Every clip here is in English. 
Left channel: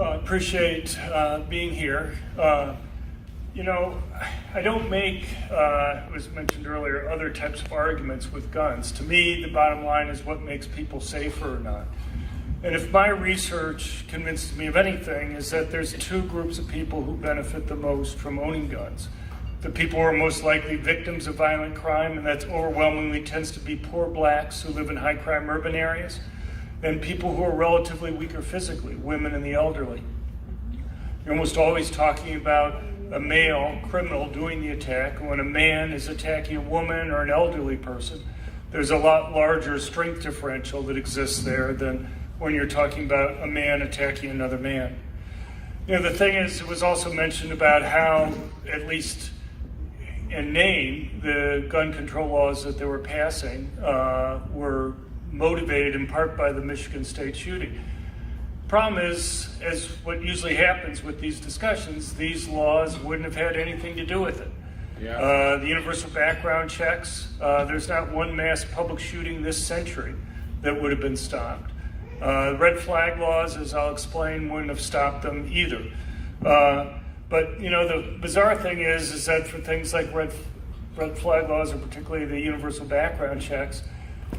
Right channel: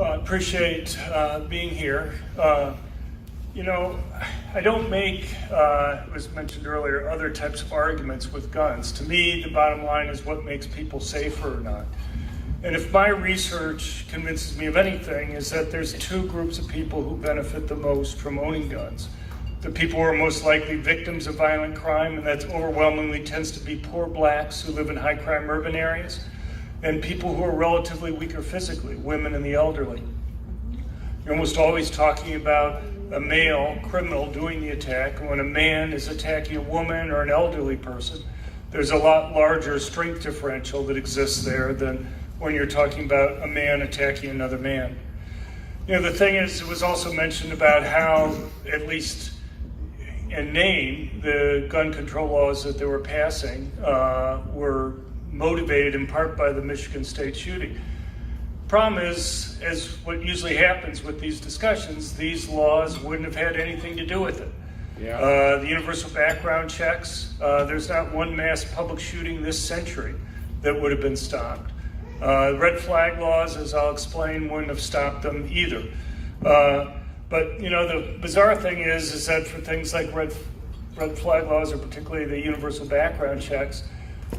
Well, I appreciate being here. I don't make, it was mentioned earlier, other types of arguments with guns. To me, the bottom line is what makes people safer or not. And if my research convinces me of anything, is that there's two groups of people who benefit the most from owning guns. The people who are most likely victims of violent crime, and that overwhelmingly tends to be poor blacks who live in high crime urban areas, and people who are relatively weaker physically, women and the elderly. You're almost always talking about a male criminal doing the attack, and when a man is attacking a woman or an elderly person, there's a lot larger strength differential that exists there than when you're talking about a man attacking another man. The thing is, it was also mentioned about how, at least in name, the gun control laws that they were passing were motivated in part by the Michigan State shooting. Problem is, as what usually happens with these discussions, these laws wouldn't have had anything to do with it. Yeah. The universal background checks, there's not one mass public shooting this century that would have been stopped. Red flag laws, as I'll explain, wouldn't have stopped them either. But the bizarre thing is that for things like red flag laws, or particularly the universal background checks,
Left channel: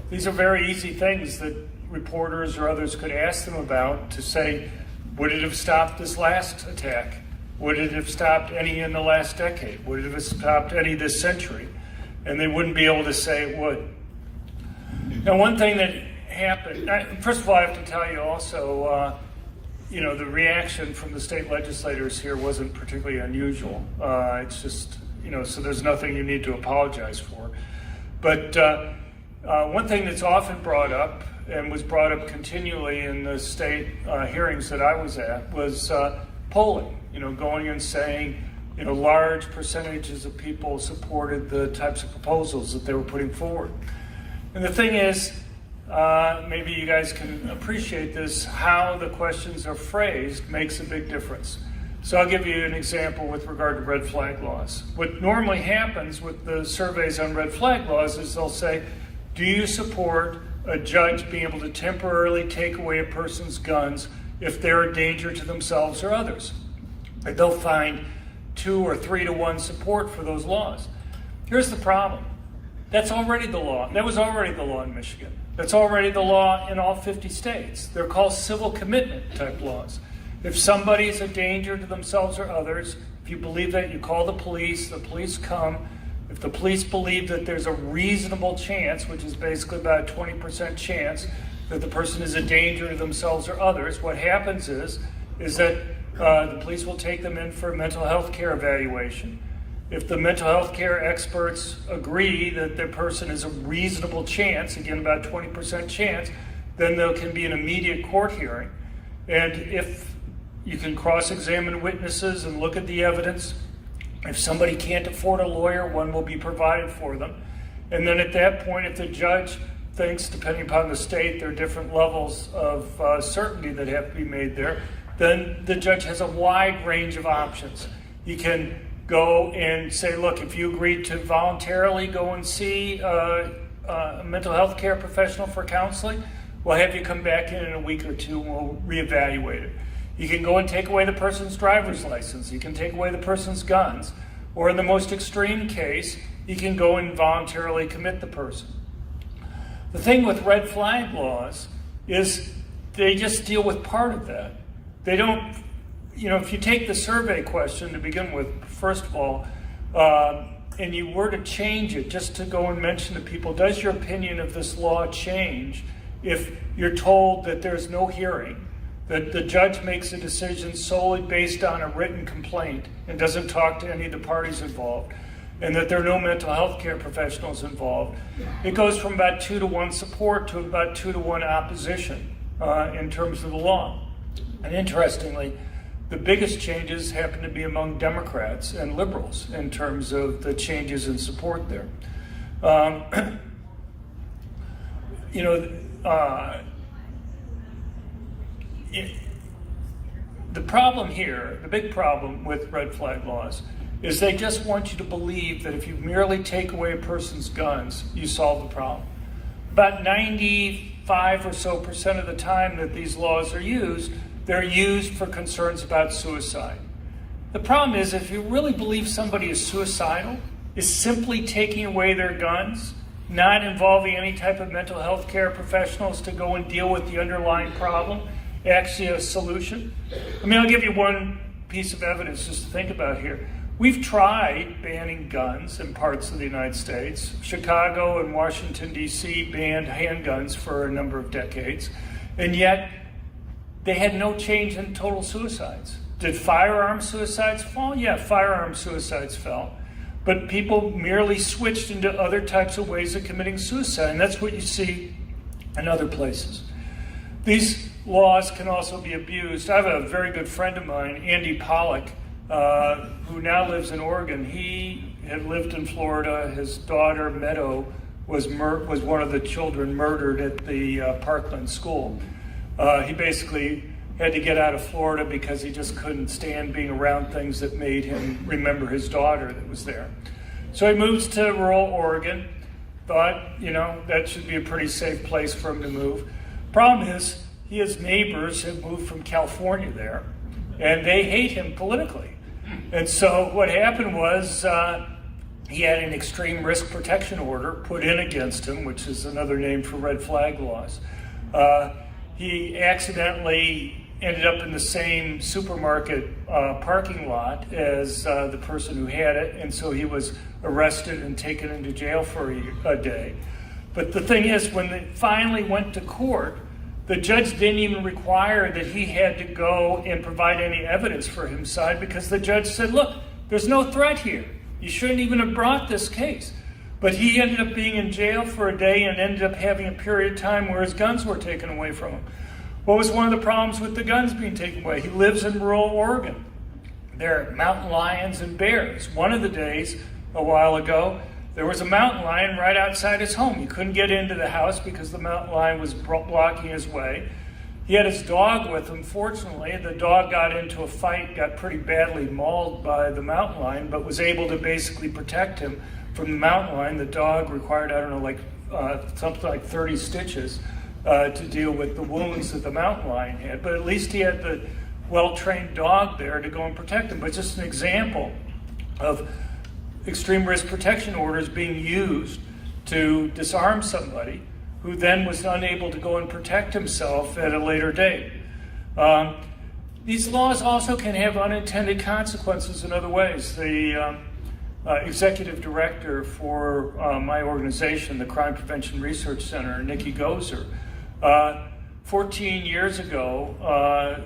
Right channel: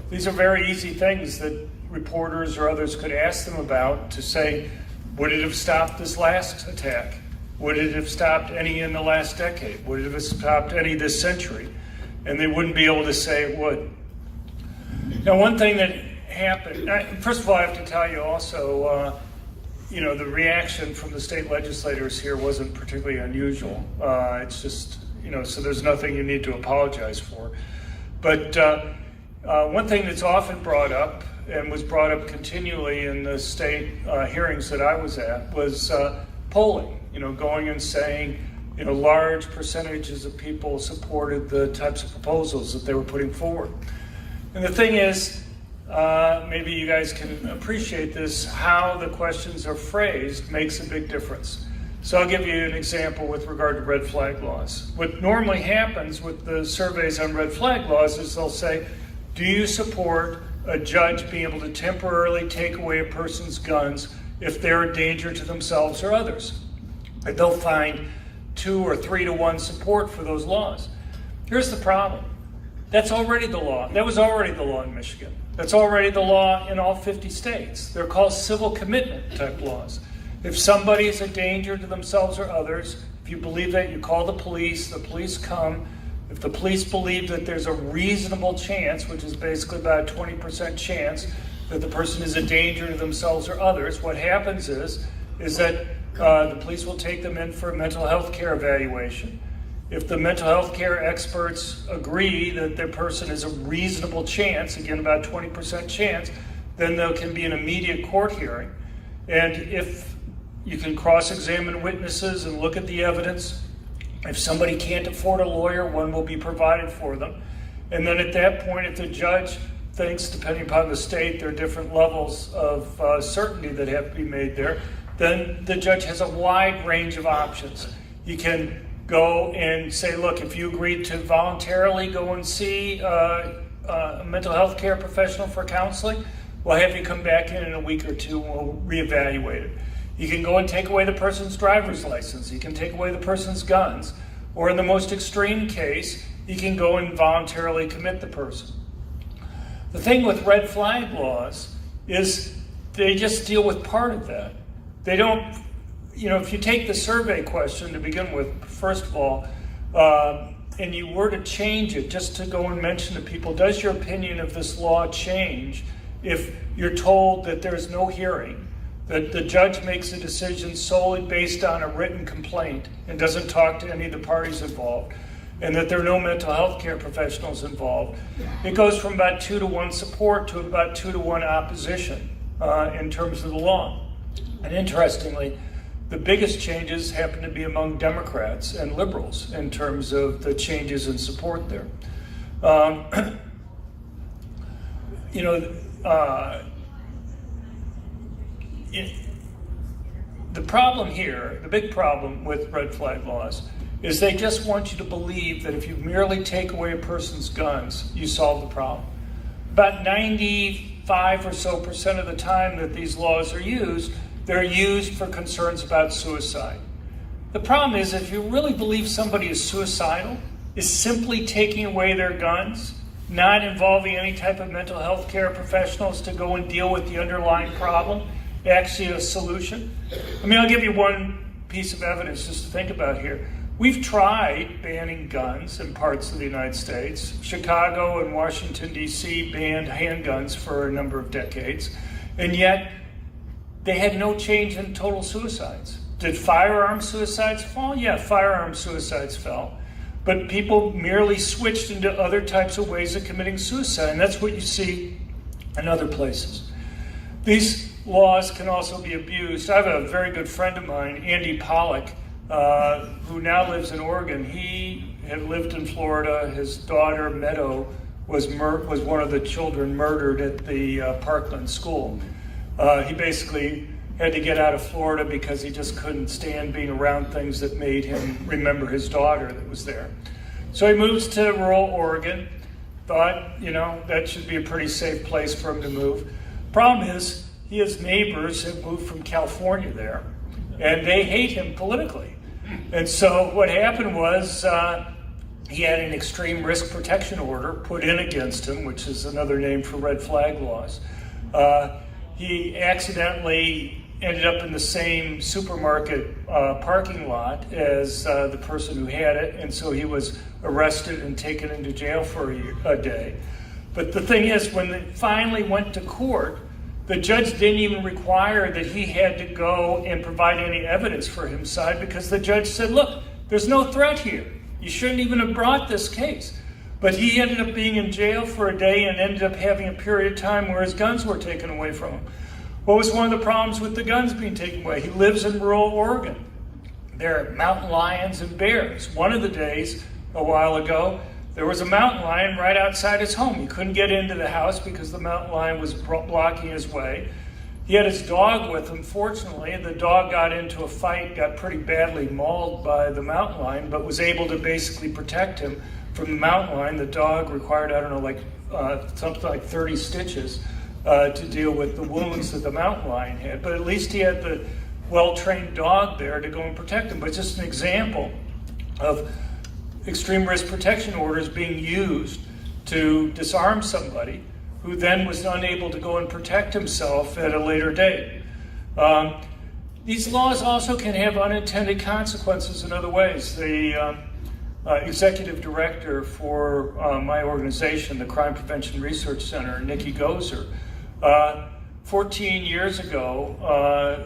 these are very easy things that reporters or others could ask them about to say, would it have stopped this last attack? Would it have stopped any in the last decade? Would it have stopped any this century? And they wouldn't be able to say it would. Now, one thing that happened, first of all, I have to tell you also, the reaction from the state legislators here wasn't particularly unusual. It's just, so there's nothing you need to apologize for. But one thing that's often brought up, and was brought up continually in the state hearings that I was at, was polling, going and saying, large percentages of people supported the types of proposals that they were putting forward. And the thing is, maybe you guys can appreciate this, how the questions are phrased makes a big difference. So I'll give you an example with regard to red flag laws. What normally happens with the surveys on red flag laws is they'll say, do you support a judge being able to temporarily take away a person's guns if they're a danger to themselves or others? And they'll find 2 or 3 to 1 support for those laws. Here's the problem. That's already the law. That was already the law in Michigan. That's already the law in all 50 states. They're called civil commitment type laws. If somebody is a danger to themselves or others, if you believe that, you call the police come. If the police believe that there's a reasonable chance, which is basically about a 20% chance, that the person is a danger to themselves or others, what happens is that the police will take them in for a mental health care evaluation. If the mental health care experts agree that their person is a reasonable chance, again about 20% chance, then there can be an immediate court hearing. And if you can cross-examine witnesses and look at the evidence, if somebody can't afford a lawyer, one will be provided for them. And then at that point, if the judge thinks, depending upon the state, there are different levels of certainty that have to be made there, then the judge has a wide range of options. He can go and say, look, if you agreed to voluntarily go and see a mental health care professional for counseling, we'll have you come back in a week or two and we'll reevaluate it. You can go and take away the person's driver's license. You can take away the person's guns. Or in the most extreme case, you can go and voluntarily commit the person. The thing with red flag laws is they just deal with part of that. They don't, if you take the survey question to begin with, first of all, and you were to change it, just to go and mention to people, does your opinion of this law change if you're told that there's no hearing, that the judge makes a decision solely based on a written complaint and doesn't talk to any of the parties involved, and that there are no mental health care professionals involved? It goes from about 2 to 1 support to about 2 to 1 opposition in terms of the law. And interestingly, the biggest changes happen to be among Democrats and liberals in terms of the changes in support there. The problem here, the big problem with red flag laws, is they just want you to believe that if you merely take away a person's guns, you solve the problem. About 95% or so of the time that these laws are used, They're used for concerns about suicide. The problem is, if you really believe somebody is suicidal, is simply taking away their guns, not involving any type of mental health care professionals to go and deal with the underlying problem, actually a solution? I mean, I'll give you one piece of evidence just to think about here. We've tried banning guns in parts of the United States. Chicago and Washington, D.C. banned handguns for a number of decades, and yet they had no change in total suicides. Did firearm suicides fall? Yeah, firearm suicides fell. But people merely switched into other types of ways of committing suicide, and that's what you see in other places. These laws can also be abused. I have a very good friend of mine, Andy Pollock, who now lives in Oregon. He had lived in Florida. His daughter, Meadow, was one of the children murdered at the Parkland school. He basically had to get out of Florida because he just couldn't stand being around things that made him remember his daughter that was there. So he moves to rural Oregon, thought, that should be a pretty safe place for him to move. Problem is, his neighbors had moved from California there, and they hate him politically. And so what happened was he had an extreme risk protection order put in against him, which is another name for red flag laws. He accidentally ended up in the same supermarket parking lot as the person who had it, and so he was arrested and taken into jail for a day. But the thing is, when they finally went to court, the judge didn't even require that he had to go and provide any evidence for his side, because the judge said, look, there's no threat here. You shouldn't even have brought this case. But he ended up being in jail for a day and ended up having a period of time where his guns were taken away from him. What was one of the problems with the guns being taken away? He lives in rural Oregon. There are mountain lions and bears. One of the days, a while ago, there was a mountain lion right outside his home. He couldn't get into the house because the mountain lion was blocking his way. He had his dog with him. Fortunately, the dog got into a fight, got pretty badly mauled by the mountain lion, but was able to basically protect him from the mountain lion. The dog required, something like 30 stitches to deal with the wounds that the mountain lion had. But at least he had the well-trained dog there to go and protect him. But just an example of extreme risk protection orders being used to disarm somebody who then was unable to go and protect himself at a later date. These laws also can have unintended consequences in other ways. The executive director for my organization, the Crime Prevention Research Center, Nikki Gozer, 14 years ago,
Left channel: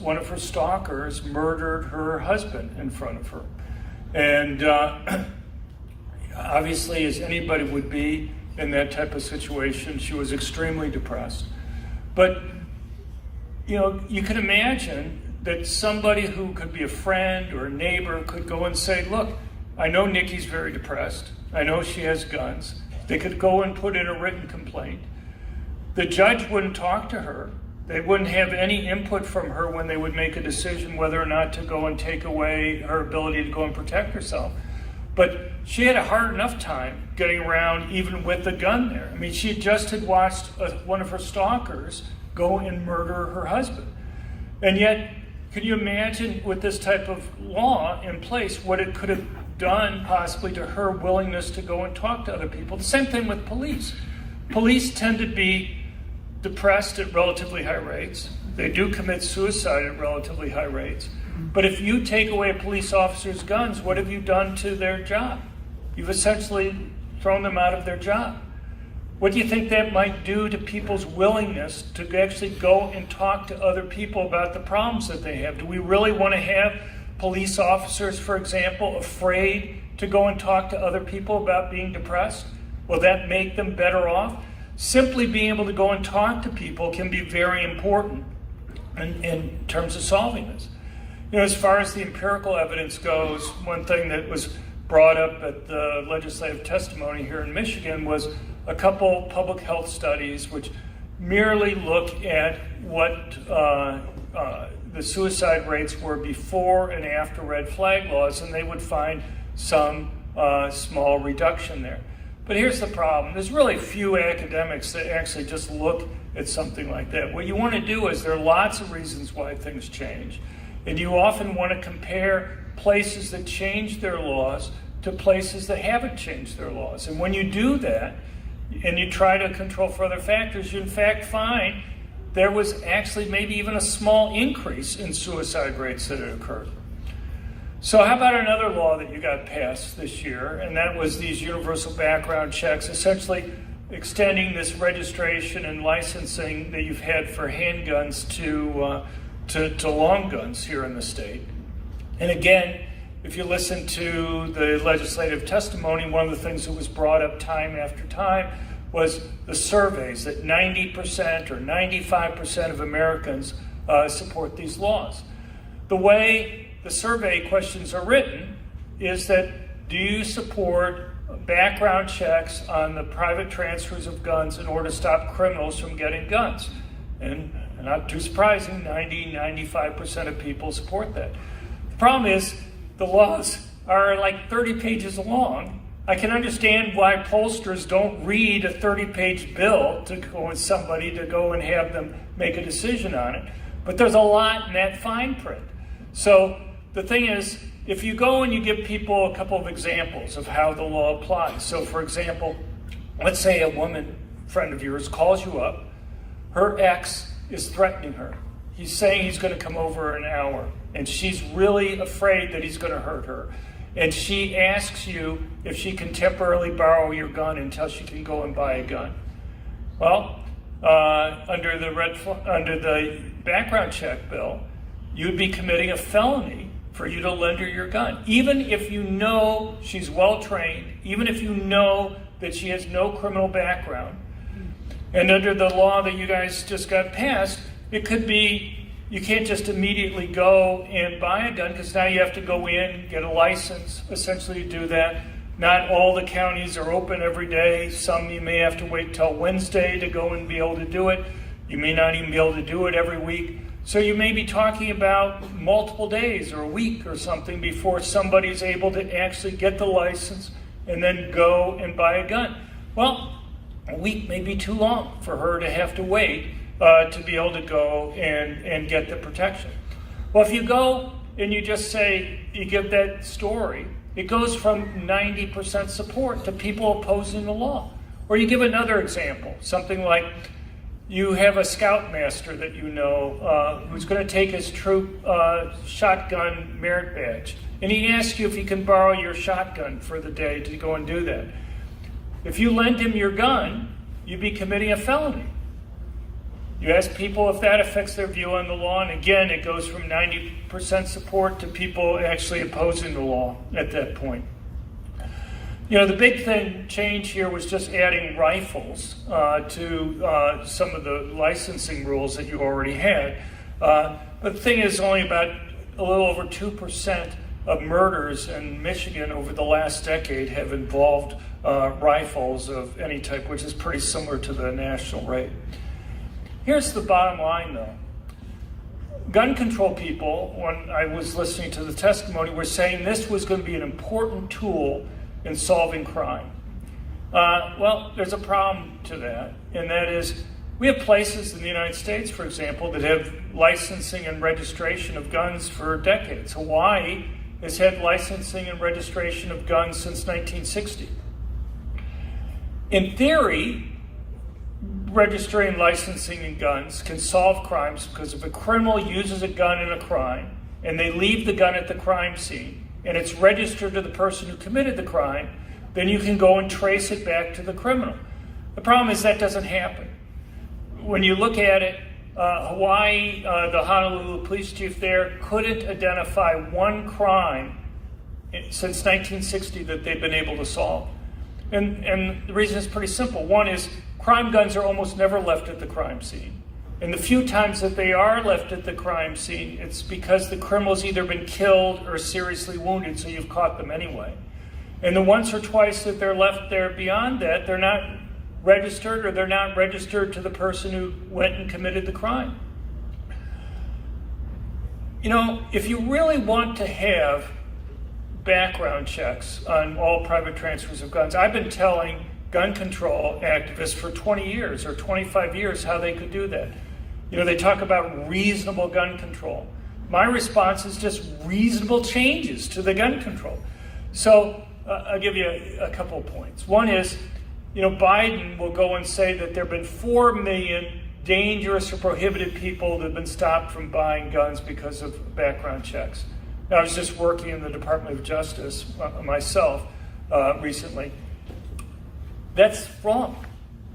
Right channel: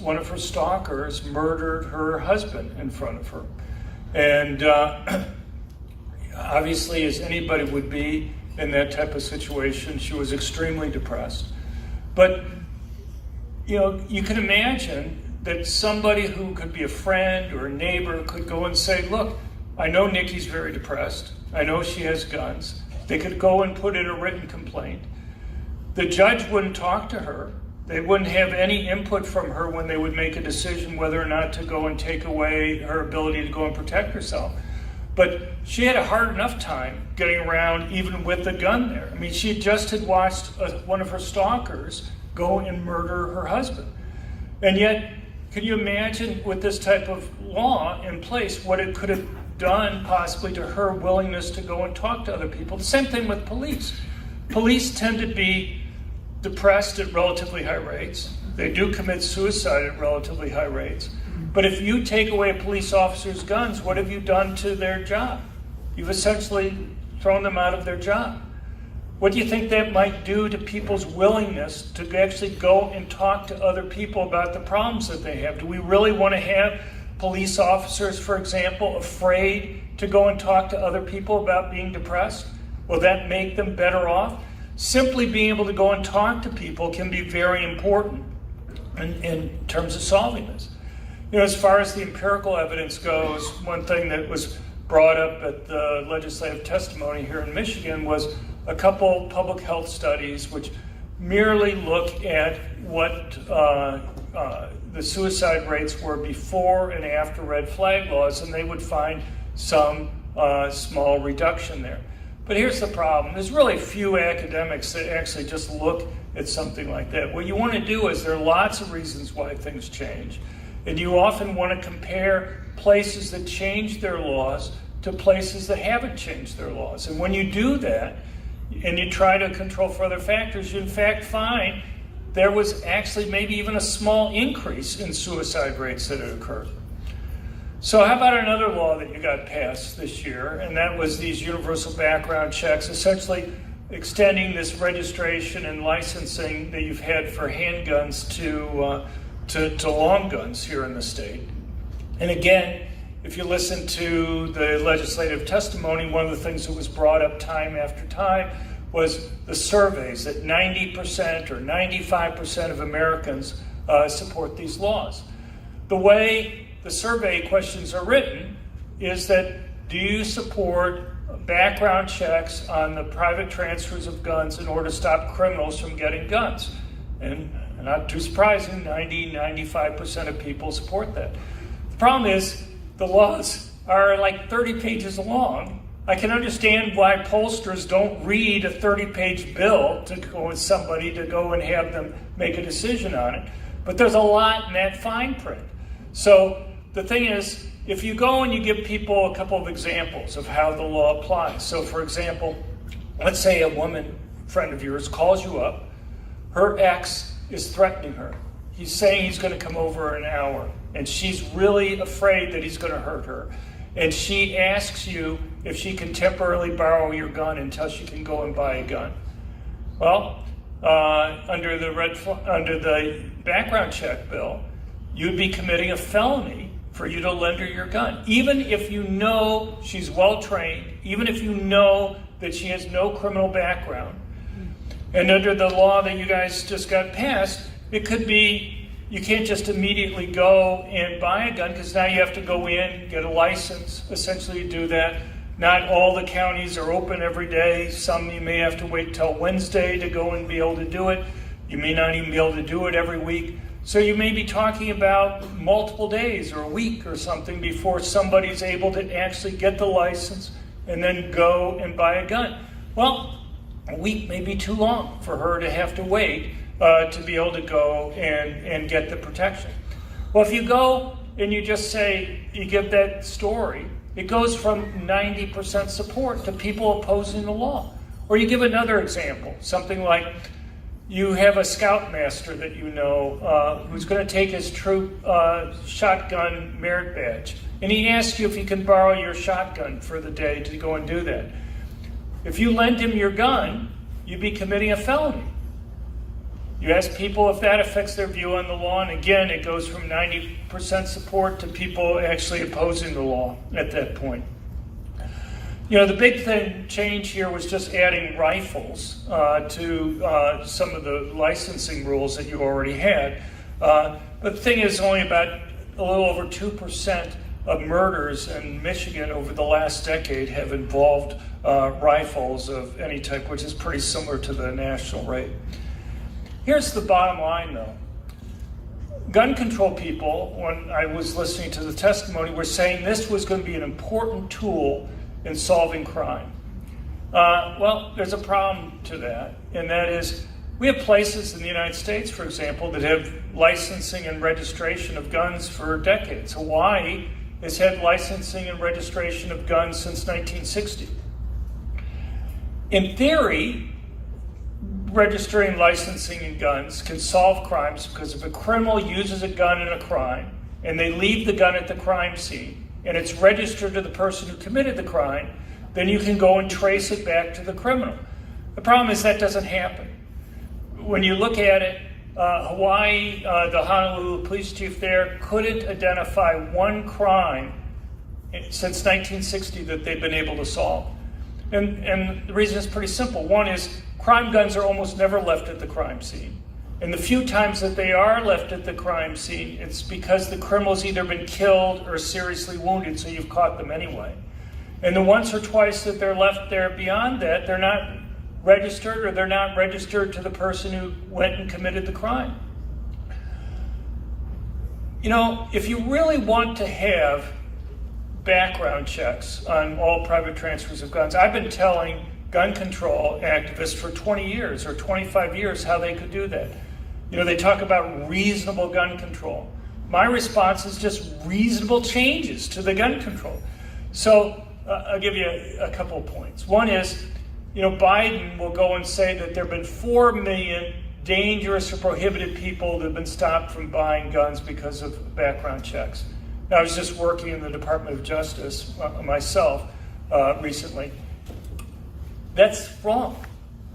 one of her stalkers murdered her husband in front of her. And obviously, as anybody would be in that type of situation, she was extremely depressed. But, you can imagine that somebody who could be a friend or a neighbor could go and say, look, I know Nikki's very depressed. I know she has guns. They could go and put in a written complaint. The judge wouldn't talk to her. They wouldn't have any input from her when they would make a decision whether or not to go and take away her ability to go and protect herself. But she had a hard enough time getting around even with the gun there. I mean, she just had watched one of her stalkers go and murder her husband. And yet, can you imagine with this type of law in place what it could have done possibly to her willingness to go and talk to other people? The same thing with police. Police tend to be depressed at relatively high rates. They do commit suicide at relatively high rates. But if you take away a police officer's guns, what have you done to their job? You've essentially thrown them out of their job. What do you think that might do to people's willingness to actually go and talk to other people about the problems that they have? Do we really want to have police officers, for example, afraid to go and talk to other people about being depressed? Will that make them better off? Simply being able to go and talk to people can be very important in terms of solving this. As far as the empirical evidence goes, one thing that was brought up at the legislative testimony here in Michigan was a couple public health studies which merely look at what the suicide rates were before and after red flag laws, and they would find some small reduction there. But here's the problem. There's really few academics that actually just look at something like that. What you want to do is, there are lots of reasons why things change, and you often want to compare places that change their laws to places that haven't changed their laws. And when you do that, and you try to control for other factors, you in fact find there was actually maybe even a small increase in suicide rates that had occurred. So how about another law that you got passed this year, and that was these universal background checks, essentially extending this registration and licensing that you've had for handguns to long guns here in the state. And again, if you listen to the legislative testimony, one of the things that was brought up time after time was the surveys that 90% or 95% of Americans support these laws. The way the survey questions are written is that, do you support background checks on the private transfers of guns in order to stop criminals from getting guns? And not too surprising, 95% of people support that. The problem is, the laws are like 30 pages long. I can understand why pollsters don't read a 30-page bill to go with somebody to go and have them make a decision on it. But there's a lot in that fine print. So the thing is, if you go and you give people a couple of examples of how the law applies. So for example, let's say a woman, friend of yours, calls you up. Her ex is threatening her. He's saying he's going to come over in an hour, and she's really afraid that he's going to hurt her. And she asks you if she can temporarily borrow your gun until she can go and buy a gun. Well, under the background check bill, you'd be committing a felony for you to lend her your gun. Even if you know she's well-trained, even if you know that she has no criminal background. And under the law that you guys just got passed, it could be, you can't just immediately go and buy a gun, because now you have to go in, get a license, essentially do that. Not all the counties are open every day. Some you may have to wait till Wednesday to go and be able to do it. You may not even be able to do it every week. So you may be talking about multiple days or a week or something before somebody's able to actually get the license and then go and buy a gun. Well, a week may be too long for her to have to wait to be able to go and get the protection. Well, if you go and you just say, you give that story, it goes from 90% support to people opposing the law. Or you give another example, something like, you have a scoutmaster that you know who's going to take his troop shotgun merit badge, and he asks you if he can borrow your shotgun for the day to go and do that. If you lend him your gun, you'd be committing a felony. You ask people if that affects their view on the law, and again, it goes from 90% support to people actually opposing the law at that point. You know, the big change here was just adding rifles to some of the licensing rules that you already had. But the thing is, only about a little over 2% of murders in Michigan over the last decade have involved rifles of any type, which is pretty similar to the national rate. Here's the bottom line, though. Gun control people, when I was listening to the testimony, were saying this was going to be an important tool in solving crime. Well, there's a problem to that, and that is, we have places in the United States, for example, that have licensing and registration of guns for decades. Hawaii has had licensing and registration of guns since 1960. In theory, registering, licensing, and guns can solve crimes, because if a criminal uses a gun in a crime and they leave the gun at the crime scene and it's registered to the person who committed the crime, then you can go and trace it back to the criminal. The problem is that doesn't happen. When you look at it, Hawaii, the Honolulu police chief there couldn't identify one crime since 1960 that they've been able to solve. And the reason is pretty simple. One is, crime guns are almost never left at the crime scene. And the few times that they are left at the crime scene, it's because the criminal's either been killed or seriously wounded, so you've caught them anyway. And the once or twice that they're left there beyond that, they're not registered, or they're not registered to the person who went and committed the crime. You know, if you really want to have background checks on all private transfers of guns, I've been telling gun control activists for 20 years or 25 years how they could do that. They talk about reasonable gun control. My response is just reasonable changes to the gun control. So I'll give you a couple of points. One is, Biden will go and say that there have been 4 million dangerous or prohibited people that have been stopped from buying guns because of background checks. Now, I was just working in the Department of Justice myself recently. That's wrong.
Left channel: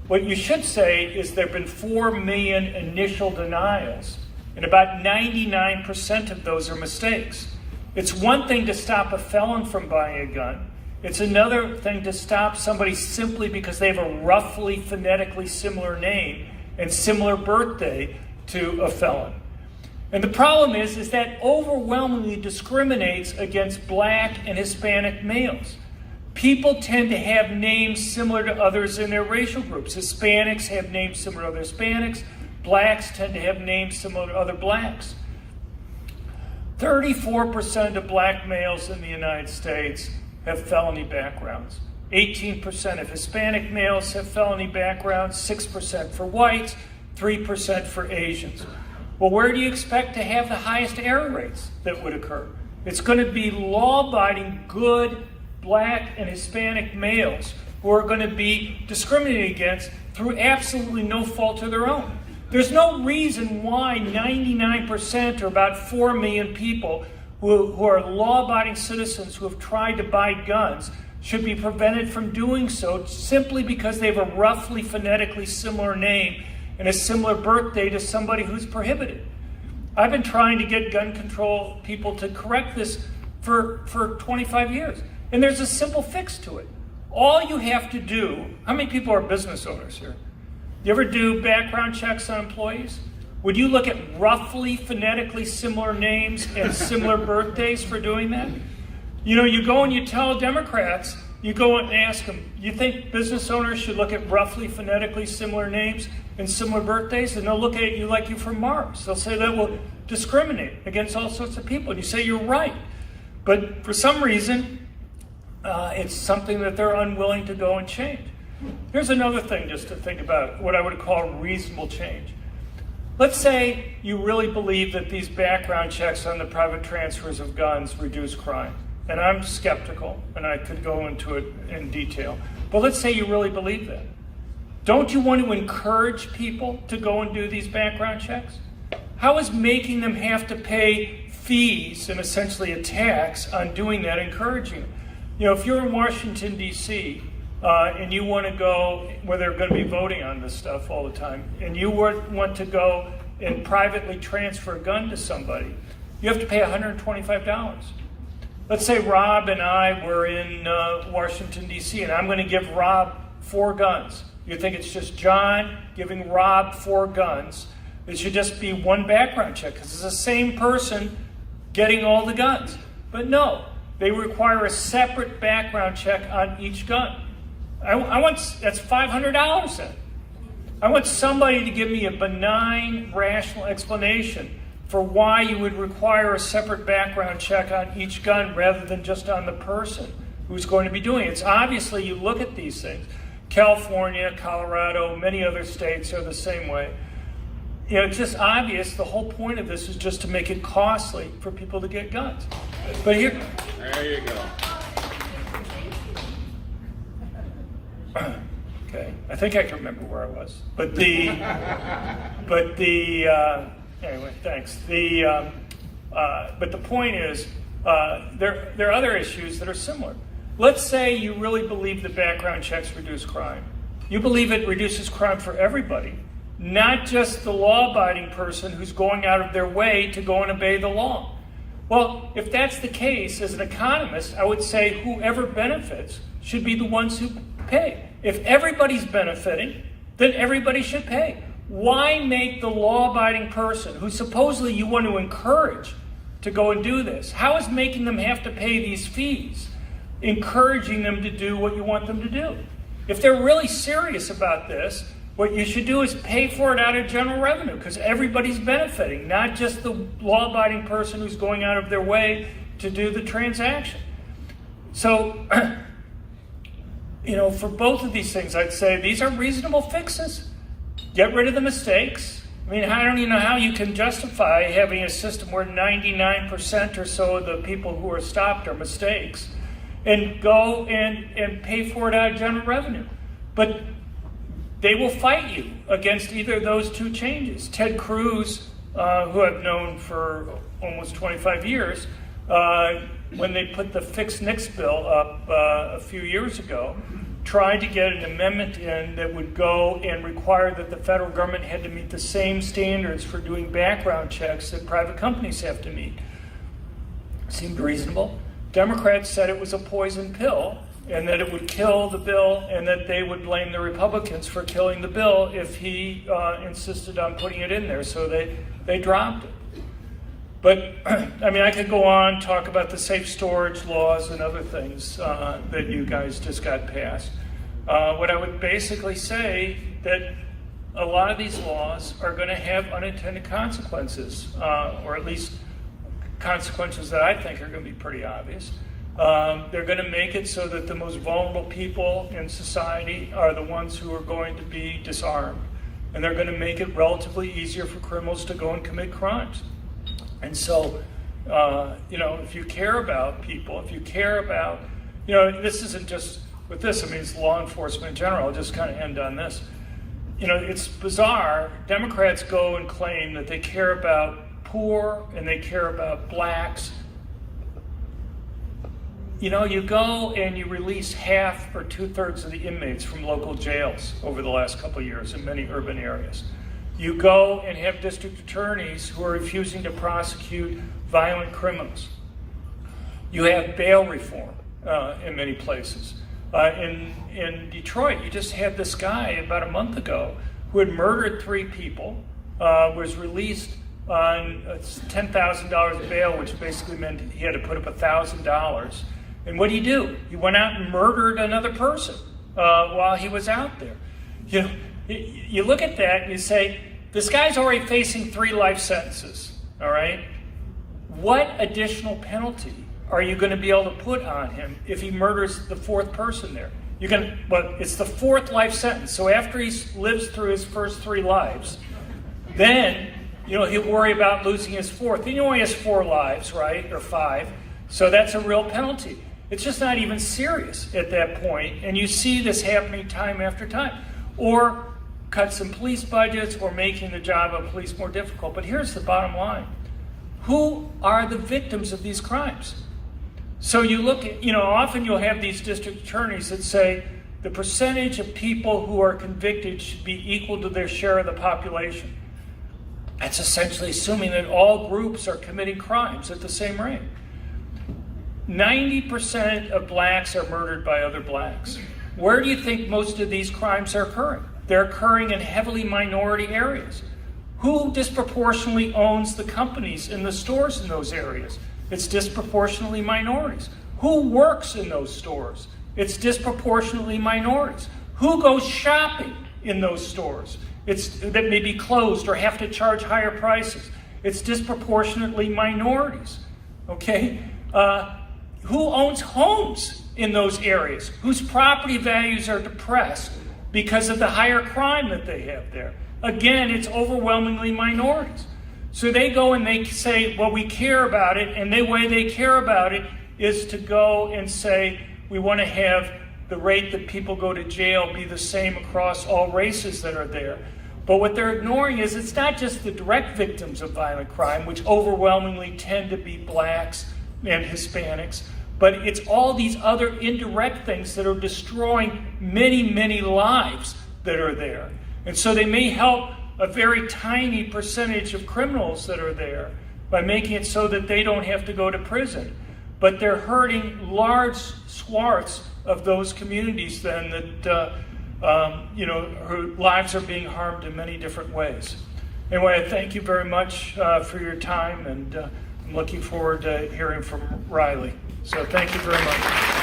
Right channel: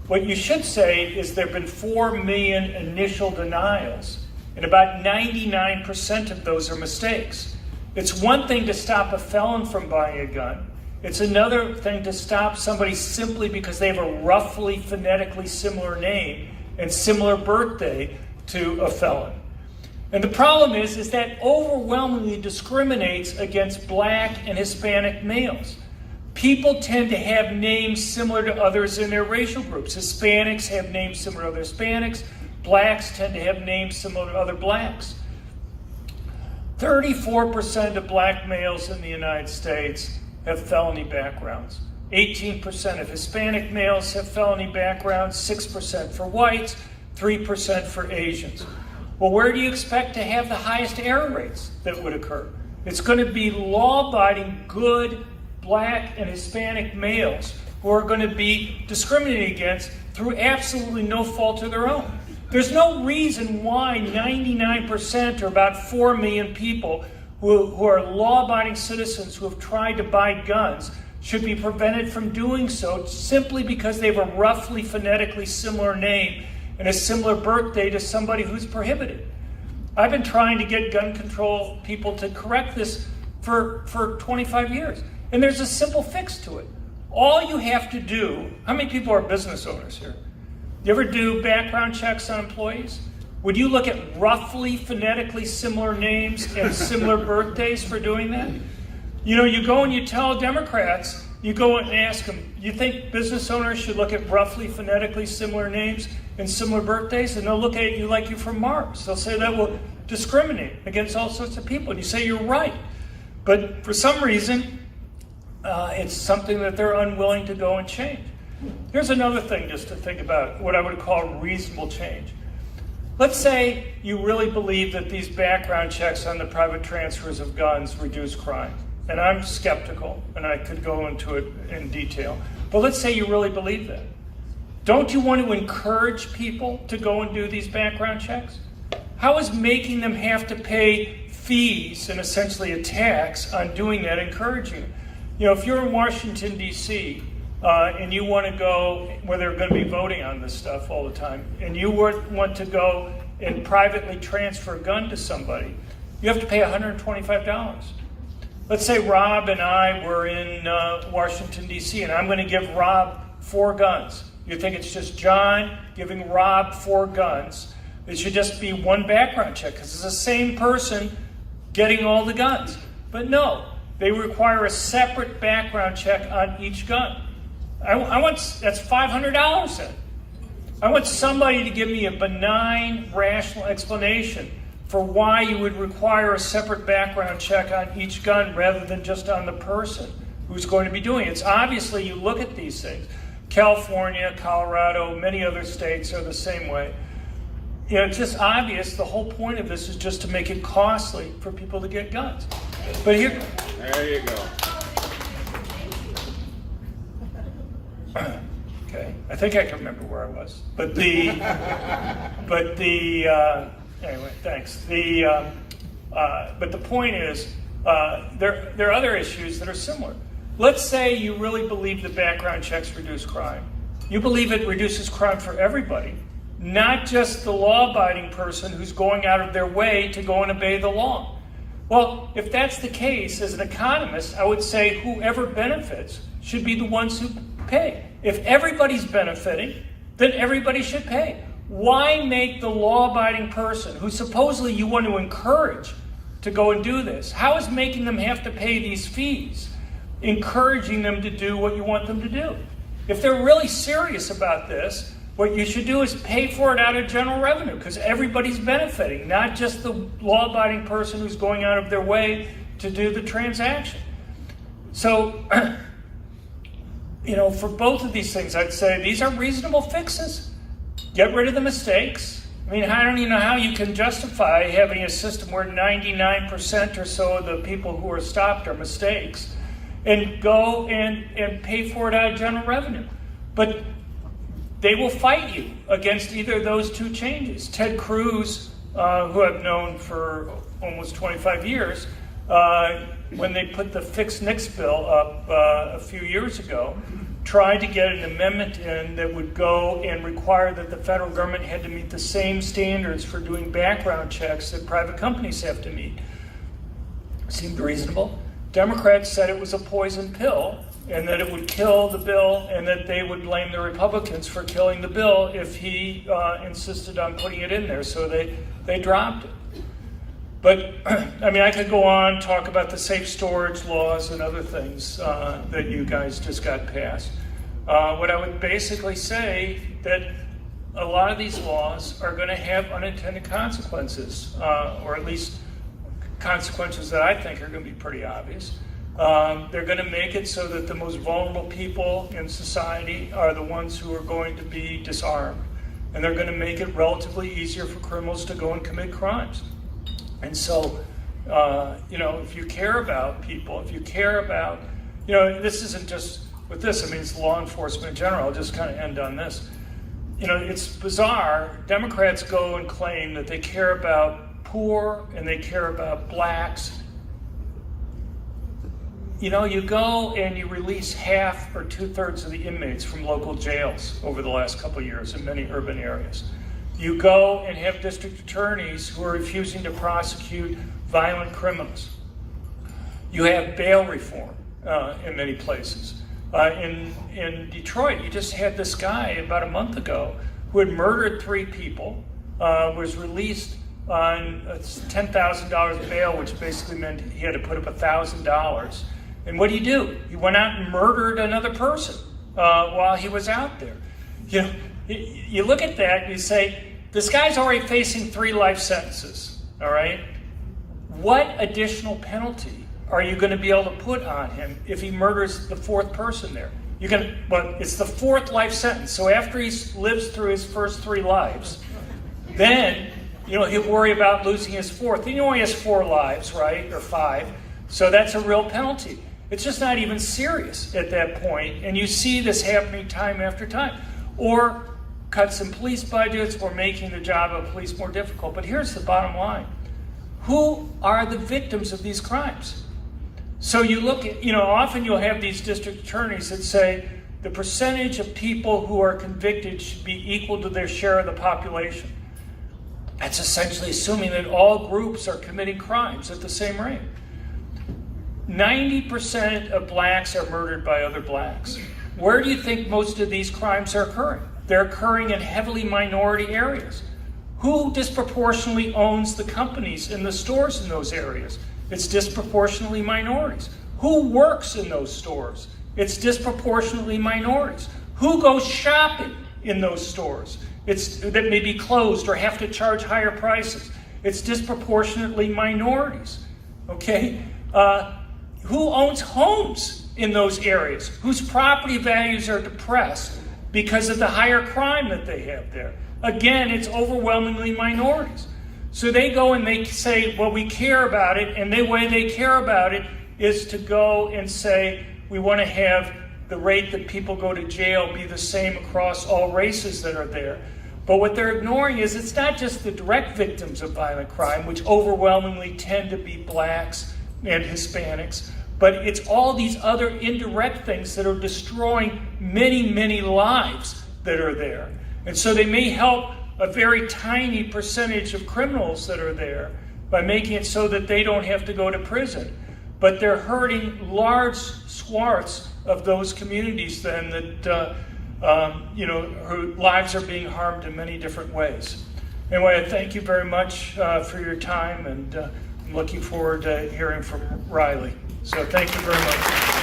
What you should say is there have been 4 million initial denials, and about 99% of those are mistakes. It's one thing to stop a felon from buying a gun. It's another thing to stop somebody simply because they have a roughly phonetically similar name and similar birthday to a felon. And the problem is that overwhelmingly discriminates against Black and Hispanic males. People tend to have names similar to others in their racial groups. Hispanics have names similar to other Hispanics. Blacks tend to have names similar to other Blacks. 34% of Black males in the United States have felony backgrounds. 18% of Hispanic males have felony backgrounds, 6% for whites, 3% for Asians. Well, where do you expect to have the highest error rates that would occur? It's going to be law-abiding, good Black and Hispanic males who are going to be discriminated against through absolutely no fault of their own. There's no reason why 99%, or about 4 million people who are law-abiding citizens who have tried to buy guns, should be prevented from doing so simply because they have a roughly phonetically similar name and a similar birthday to somebody who's prohibited. I've been trying to get gun control people to correct this for 25 years. And there's a simple fix to it. All you have to do, how many people are business owners here? You ever do background checks on employees? Would you look at roughly phonetically similar names and similar birthdays for doing that? You go and you tell Democrats, you go and ask them, you think business owners should look at roughly phonetically similar names and similar birthdays? And they'll look at you like you're from Mars. They'll say that will discriminate against all sorts of people. And you say you're right. But for some reason, it's something that they're unwilling to go and change. Here's another thing just to think about, what I would call reasonable change. Let's say you really believe that these background checks on the private transfers of guns reduce crime. And I'm skeptical, and I could go into it in detail. But let's say you really believe that. Don't you want to encourage people to go and do these background checks? How is making them have to pay fees and essentially a tax on doing that encouraging them? If you're in Washington, D.C., and you want to go, where they're going to be voting on this stuff all the time, and you want to go and privately transfer a gun to somebody, you have to pay $125. Let's say Rob and I were in Washington, D.C., and I'm going to give Rob 4 guns. You think it's just John giving Rob 4 guns. It should just be one background check, because it's the same person getting all the guns. But no, they require a separate background check on each gun. That's $500 then. I want somebody to give me a benign, rational explanation for why you would require a separate background check on each gun rather than just on the person who's going to be doing it. It's obviously, you look at these things. California, Colorado, many other states are the same way. It's just obvious the whole point of this is just to make it costly for people to get guns. But here... There you go. Okay, I think I can remember where I was. Anyway, thanks. But the point is, there are other issues that are similar. Let's say you really believe that background checks reduce crime. You believe it reduces crime for everybody, not just the law-abiding person who's going out of their way to go and obey the law. Well, if that's the case, as an economist, I would say whoever benefits should be the ones who pay. If everybody's benefiting, then everybody should pay. Why make the law-abiding person, who supposedly you want to encourage to go and do this, how is making them have to pay these fees encouraging them to do what you want them to do? If they're really serious about this, what you should do is pay for it out of general revenue, because everybody's benefiting, not just the law-abiding person who's going out of their way to do the transaction. So for both of these things, I'd say these are reasonable fixes. Get rid of the mistakes. I mean, I don't even know how you can justify having a system where 99% or so of the people who are stopped are mistakes, and go and pay for it out of general revenue. But they will fight you against either of those two changes. Ted Cruz, who I've known for almost 25 years, when they put the Fix Nix bill up a few years ago, tried to get an amendment in that would go and require that the federal government had to meet the same standards for doing background checks that private companies have to meet. Seemed reasonable. Democrats said it was a poison pill and that it would kill the bill, and that they would blame the Republicans for killing the bill if he insisted on putting it in there. So they dropped it. But, I mean, I could go on, talk about the safe storage laws and other things that you guys just got passed. What I would basically say that a lot of these laws are going to have unintended consequences, or at least consequences that I think are going to be pretty obvious. They're going to make it so that the most vulnerable people in society are the ones who are going to be disarmed. And they're going to make it relatively easier for criminals to go and commit crimes. And so, if you care about people, if you care about, this isn't just with this, I mean, it's law enforcement in general. I'll just kind of end on this. It's bizarre. Democrats go and claim that they care about poor and they care about blacks. You go and you release half or 2/3 of the inmates from local jails over the last couple of years in many urban areas. You go and have district attorneys who are refusing to prosecute violent criminals. You have bail reform in many places. In Detroit, you just had this guy about a month ago who had murdered 3 people, was released on $10,000 bail, which basically meant he had to put up $1,000. And what did he do? He went out and murdered another person while he was out there. You look at that and you say, this guy's already facing 3 life sentences, all right? What additional penalty are you going to be able to put on him if he murders the 4th person there? It's the 4th life sentence. So after he lives through his first 3 lives, then, he'll worry about losing his 4th. He only has 4 lives, right, or 5. So that's a real penalty. It's just not even serious at that point, and you see this happening time after time. Or cuts in police budgets, or making the job of police more difficult. But here's the bottom line. Who are the victims of these crimes? So you look at, often you'll have these district attorneys that say the percentage of people who are convicted should be equal to their share of the population. That's essentially assuming that all groups are committing crimes at the same rate. 90% of blacks are murdered by other blacks. Where do you think most of these crimes are occurring? They're occurring in heavily minority areas. Who disproportionately owns the companies in the stores in those areas? It's disproportionately minorities. Who works in those stores? It's disproportionately minorities. Who goes shopping in those stores? That may be closed or have to charge higher prices. It's disproportionately minorities. Okay? Who owns homes in those areas? Whose property values are depressed because of the higher crime that they have there? Again, it's overwhelmingly minorities. So they go and they say, well, we care about it, and the way they care about it is to go and say, we want to have the rate that people go to jail be the same across all races that are there. But what they're ignoring is it's not just the direct victims of violent crime, which overwhelmingly tend to be blacks and Hispanics, but it's all these other indirect things that are destroying many, many lives that are there. And so they may help a very tiny percentage of criminals that are there by making it so that they don't have to go to prison. But they're hurting large swaths of those communities then that, whose lives are being harmed in many different ways. Anyway, I thank you very much for your time, and I'm looking forward to hearing from Riley. So thank you very much.